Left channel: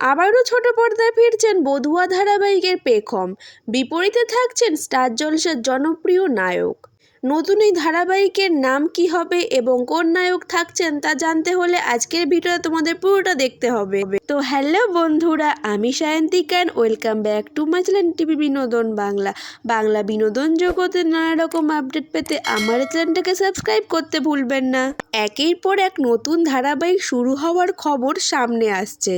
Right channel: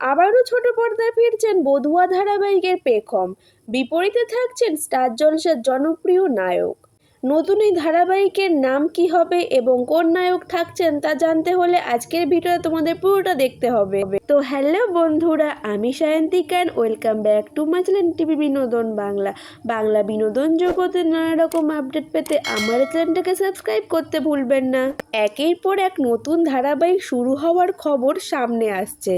আবারও ছোট পর্দায় ফিরছেন বধুয়া ধারাবাহিকের পেখম। বিপরীতে থাকছেন স্টার জলসার জনপ্রিয় নায়ক। নতুন এই ধারাবাহিকের নাম কি হবে এবং কোন নায়ক থাকছেন তা জানতে হলে আজকের ভিডিওটা তোমাদের পুরোটা দেখতে হবে। তো হ্যালো বন্ধুরা, আমি Sayantika, welcome back to my channel TV বিনোদন বাংলা। বাংলা বিনোদন জগতের নানা রকম আপডেট পেতে আমার চ্যানেলটাকে সাবস্ক্রাইব করতে ভুলবেন না। একের পর এক নতুন ধারাবাহিক শুরু হওয়ার খবর সামনে আসছে।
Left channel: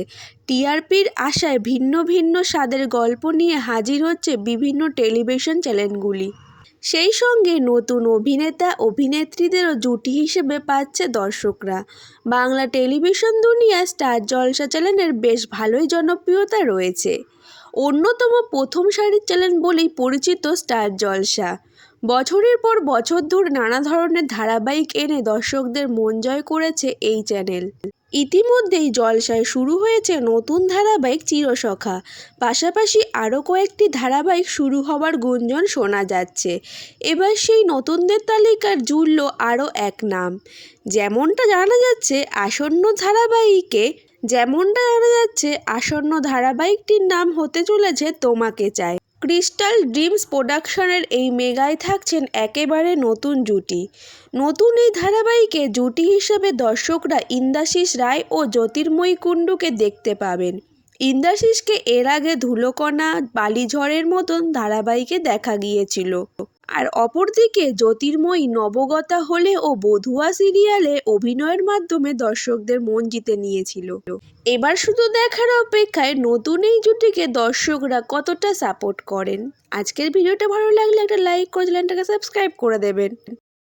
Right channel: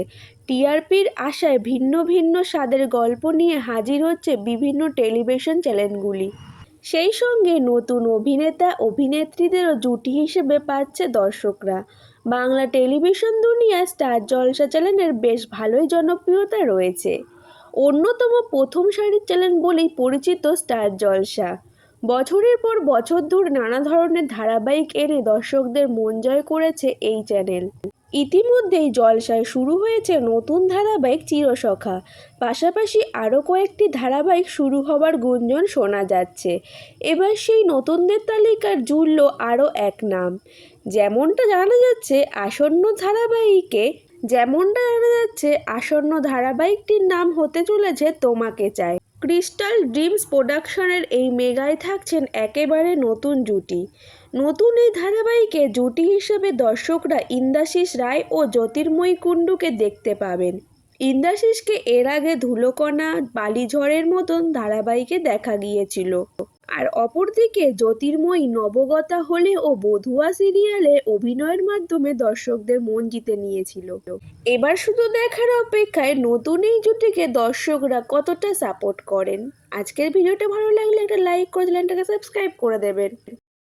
টিআরপির আশায় ভিন্ন ভিন্ন স্বাদের গল্প নিয়ে হাজির হচ্ছে বিভিন্ন টেলিভিশন চ্যানেলগুলি। সেই সঙ্গে নতুন অভিনেতা অভিনেত্রীদেরও জুটি হিসেবে পাচ্ছে দর্শকরা। বাংলা টেলিভিশন দুনিয়া স্টার জলসা চ্যানেলের বেশ ভালোই জনপ্রিয়তা রয়েছে। অন্যতম প্রথম সারির চ্যানেল বলেই পরিচিত স্টার জলসা। বছরের পর বছর ধরে নানা ধরনের ধারাবাহিক এনে দর্শকদের মন জয় করেছে এই চ্যানেল। ইতিমধ্যেই জলসায় শুরু হয়েছে নতুন ধারাবাহিক চিরসখা। পাশাপাশি আরও কয়েকটি ধারাবাহিক শুরু হবার গুঞ্জন শোনা যাচ্ছে। এবার সেই নতুনদের তালিকার জুড়ল আরও এক নাম। যেমনটা জানা যাচ্ছে আসন্ন ধারাবাহিকটির নাম হতে চলেছে তোমাকে চাই। ক্রিস্টাল ড্রিমস প্রোডাকশনের এই মেগায় থাকছেন একেবারে নতুন জুটি। নতুন এই ধারাবাহিকে জুটি হিসেবে দর্শকরা ইন্দ্রাশিস রায় ও জ্যোতির্ময়ী কুণ্ডুকে দেখতে পাবেন। ইন্দ্রাশিসকে এর আগে ধুলোকণা, বালিঝড়ের মতন ধারাবাহিকে দেখা গিয়েছিল। আর অপরদিকে জ্যোতির্ময়ী নবগতা হলে ও বধুয়া সিরিয়ালে অভিনয়ের মাধ্যমে দর্শকদের মন জিতে নিয়েছিল। এবার শুধু দেখার অপেক্ষায় নতুন এই জুটিকে দর্শকরা কতটা সাপোর্ট করেন। আজকের ভিডিওটা ভালো লাগলে একটা লাইক করে চ্যানেলটাকে সাবস্ক্রাইব করে দেবেন।